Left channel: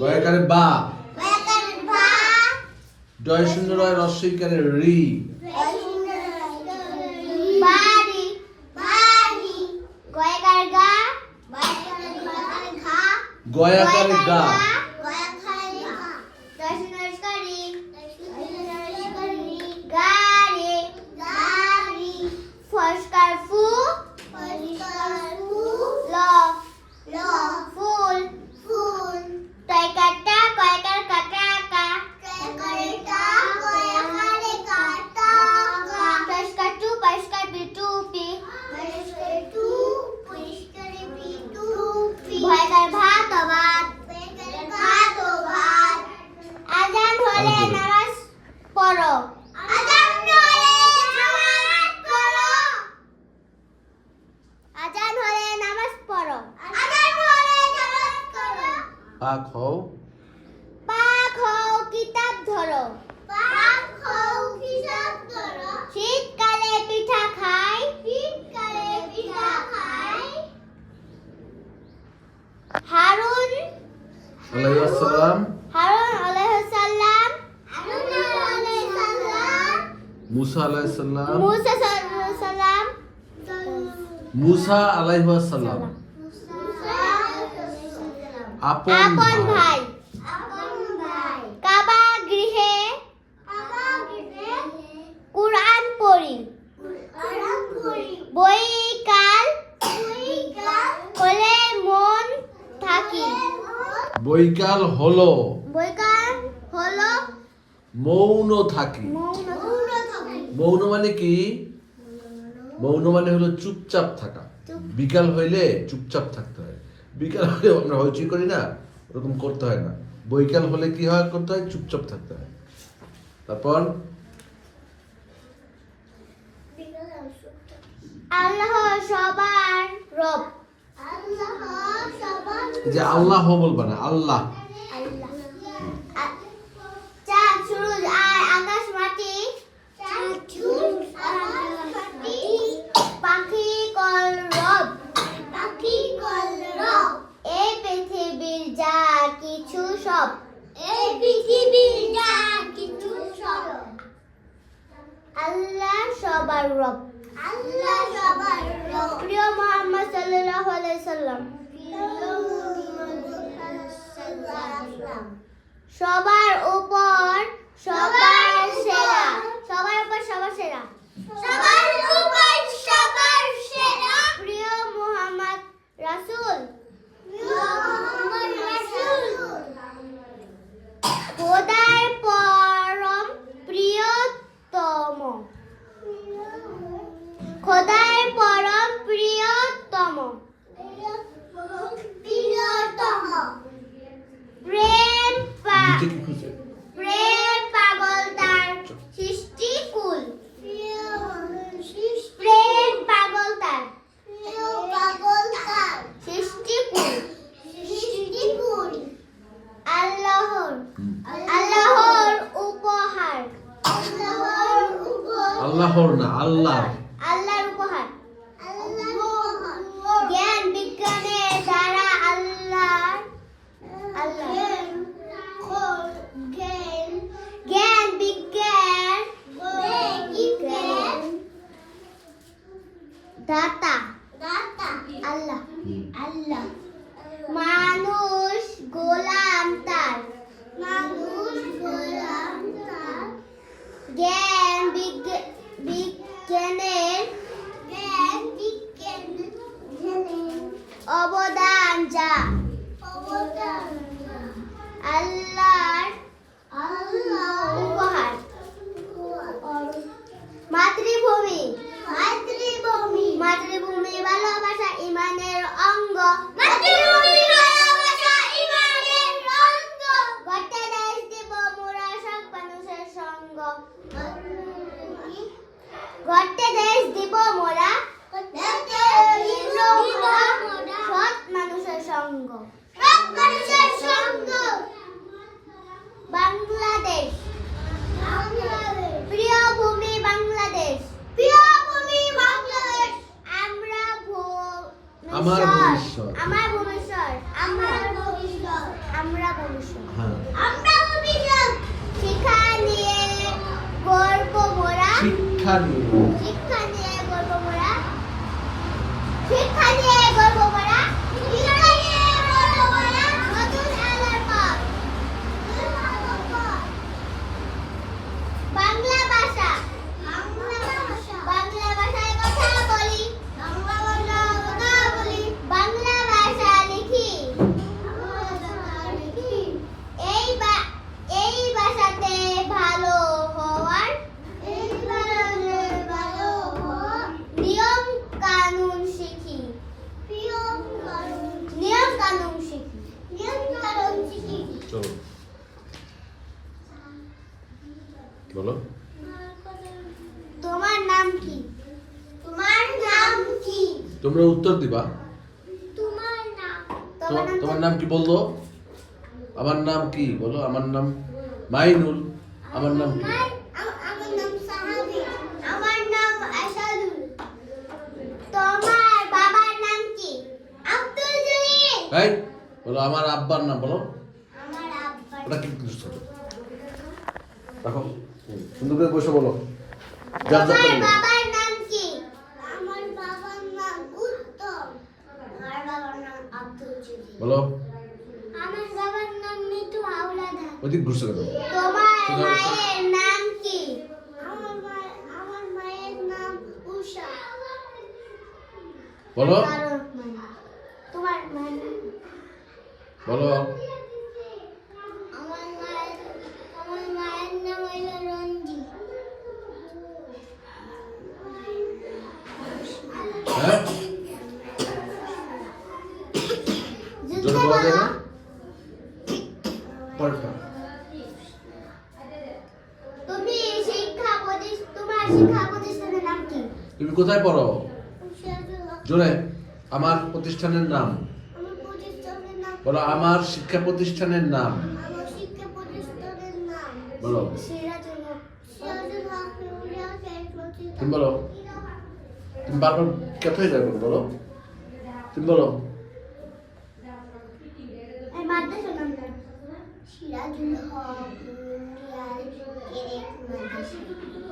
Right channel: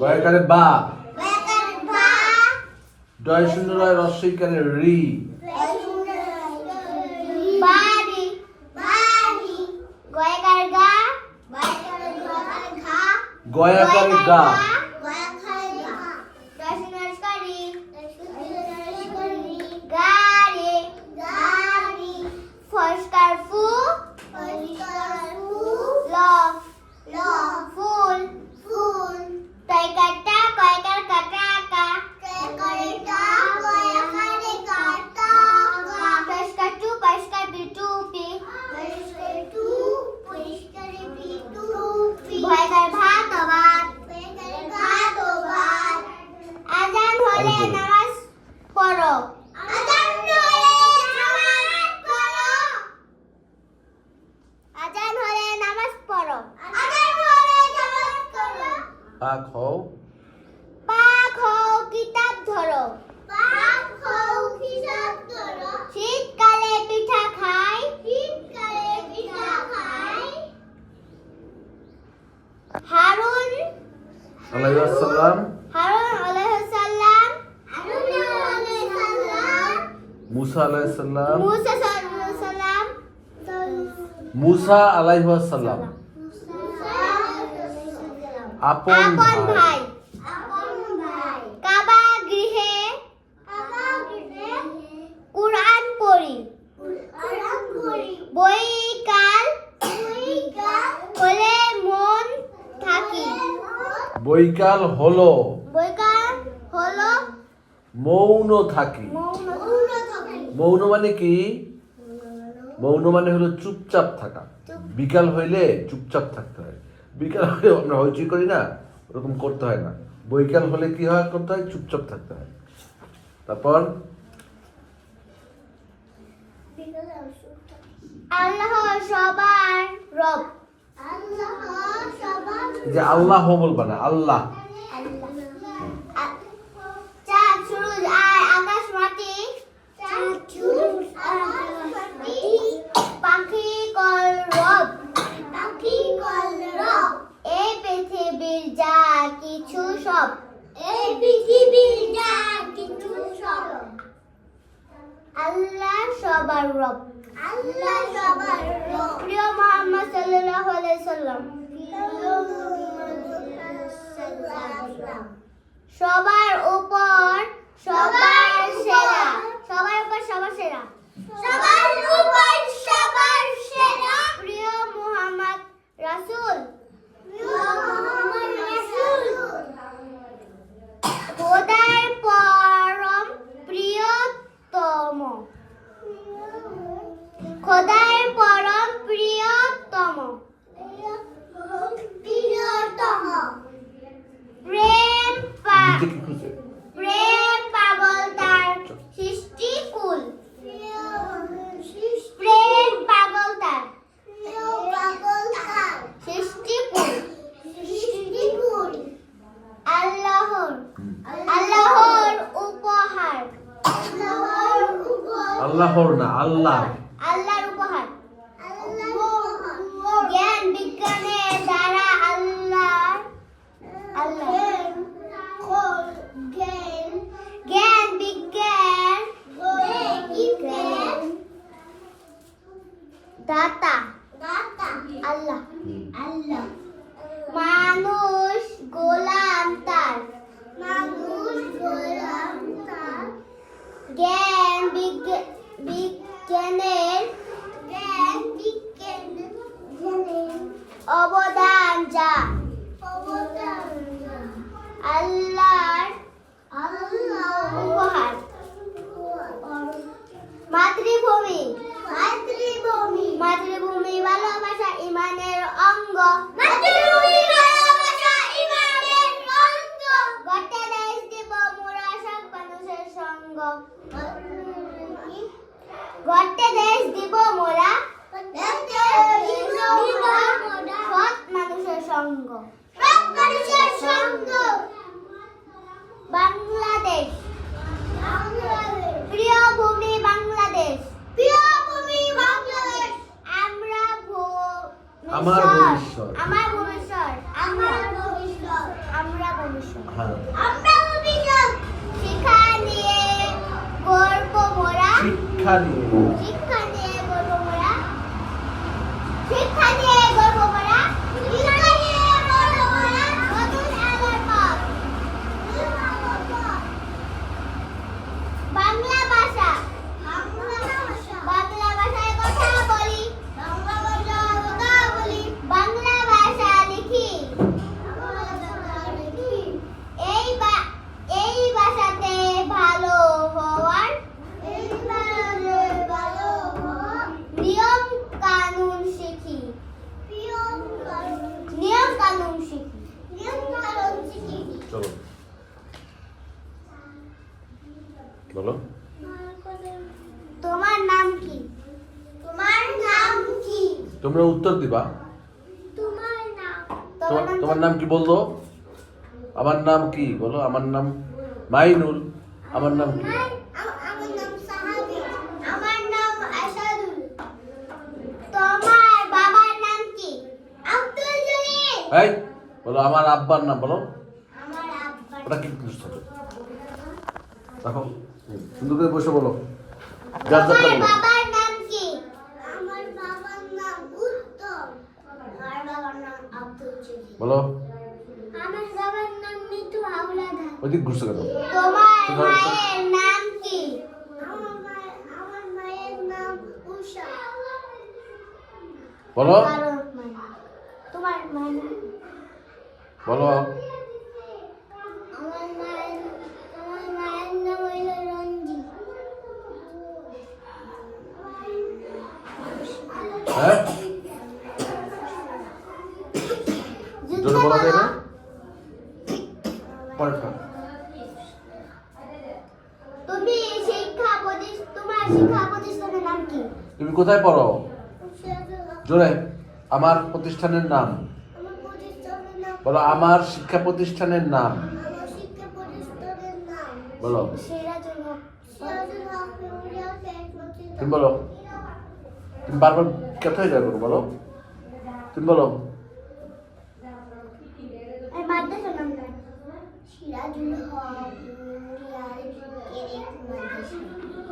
বয়কারে বা ডয় শূন্য রয় রস্বইকারে রি গয়াকারে গা মুসা আলাইহিস সালাম মুসা মুসা আলাইহিস সালাম আপন ভাই কাবা গৃহে কুরআন পড়ি বৈকাল হলে মন থাকি বৈকাল হলো মৌন থাকি। মৌন মানে কি? মৌন মানে হলো চুপচাপ থাকা। বিকাল হইলে চুপচাপ থাকতে হয়। বিকাল হলে আমরা হইচই করি না, ওরকম করতে হয় না। বৈকাল হলে কি হয় করতে হয়? চুপচাপ থাকতে হয়। তারপর আল্লাহ সবার রব। যে আল্লাহ বলবা না, আল্লাহ। চাঁদ সূরজ আর আকাশ মাটি পাখি কলরব এই পৃথিবীর যা কিছু সব আল্লাহ সবার রব। প্রিয় মুহাম্মদ সাল্লাল্লাহু আলাইহি সাল্লাম সবার উপর সবার সেরা। প্রিয় মুহাম্মদ রাসূল খোদার পরম প্রিয়তম। প্রেম নিচে কি খুঁজে? পাগল তার সৃষ্টিকুল। আল্লাহর উপহার। আল্লাহর না, আল্লাহর। আল্লাহর উপহার। জ্ঞান বিজ্ঞানের দ্বারা জ্ঞান বিজ্ঞান দাতা আল্লাহ। মানুষ গোলাম তার। জ্ঞান বিজ্ঞানের অবদান যা আল্লাহর উপহার। মাতৃভূমি ভালোবাসা ইমানের অঙ্গ। গড়তে দেশ দিব মোরা সব মানুষের সঙ্গ। সৎ মানুষের সঙ্গ। বাংলাদেশ প্রিয় ভূমি বাংলাদেশ। আমার ভবিষ্যৎ। আমরা ভবিষ্যৎ। হ্যাঁ। শিক্ষা নিয়ে গর্ব মোরা। শিক্ষা নিয়ে বাংলা ভাষায় কথা বলি। বাংলা ভাষা লিখি। এই ভাষাতে ভালো হওয়ার নিয়ম কানুন শিখি। চলো বলো। তোমার নাম কি? তোমরা উত্তর দিবা। তোমার নাম কি বললো? আমার নাম কি বলো? আমার নাম মাইনুল। আমার নাম কি? আমার নাম সাহাবী। আমার নাম আসাদুল। তোমার বাবার নাম কি? আব্দুল জলিল। এই বলো আমার আব্বার নাম বলো। আমার আব্বার ওটা কি দেখো সুন্দর করে বসে বলো। যার যারটা তোমার বলো। বাবার নাম কি? আমার বাবার নাম উত্তম। আমার বাবার নাম আব্দুল জলিল। বলো। আমার বাবার নাম নিতু হাওলাদার। ওইদিক ঘুরছে কেন? তোমার মায়ের নাম কি? আমার মায়ের নাম উষা। বলো তোমার মায়ের নাম? বলো। আমার মায়ের নাম হইল রঞ্জি। হ্যাঁ জোরে বলা যায় না? পরেরটা। তোমার শিক্ষা প্রতিষ্ঠানের নাম কি? তুমি কোথায় পড়ো? আমার জোরে। আমার প্রতিষ্ঠানের নাম প্রতিষ্ঠানের নাম। বলো। আমার শিক্ষা প্রতিষ্ঠানের নাম আমার শিক্ষা প্রতিষ্ঠানের নাম বলো। সিরাজুল হক। সিরাজুল হক মেমোরিয়াল টেকনোলজি। তুমি বলো। তুমি বারবার কোথায় যাবে বলো। তুমি বলো। এই মাদ্রাসার নাম কি? সিরাজুল হক মেমোরিয়াল ক্যাডেট মাদ্রাসা।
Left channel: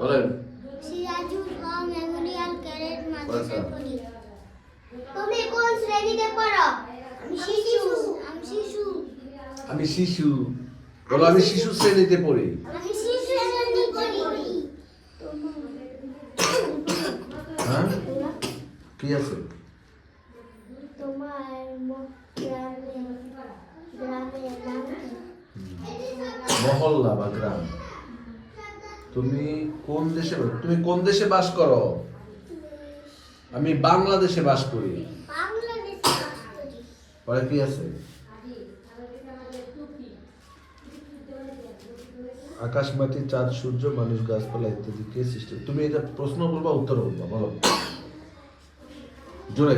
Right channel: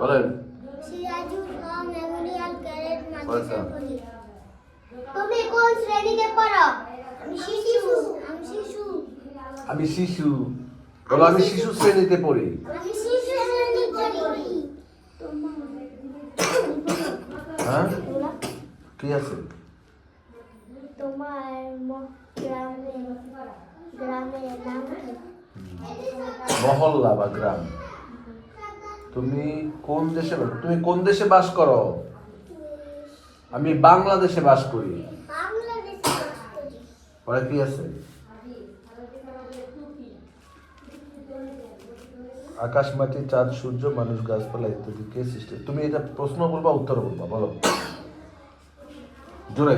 বলেন। সিরাজুল হক মেমোরিয়াল ক্যাডেট মাদ্রাসা আচ্ছা। পড়ি। তুমি কোন শ্রেণীতে পড়ো? আমি শিশু। আমি শিশু। বলো। আমি শিশু শ্রেণীতে পড়ি। আমি শিশু শ্রেণীতে পড়ি। হ্যাঁ কি আছে? তোমার গ্রামের নাম কি? মহল্লা বা গ্রাম। তুমি কোন দেশে তুমি কোন দেশে বাস করো? আমি বাংলাদেশে বাস করি। বাংলাদেশে বাস করি। পরে কি আছে? আকাশ মাটি চাঁদ সূর্য মানুষ গাছপালা ইত্যাদি কে সৃষ্টি? তুমি এটা প্রশ্ন বলবা উত্তর বলবা। বলো জোরে।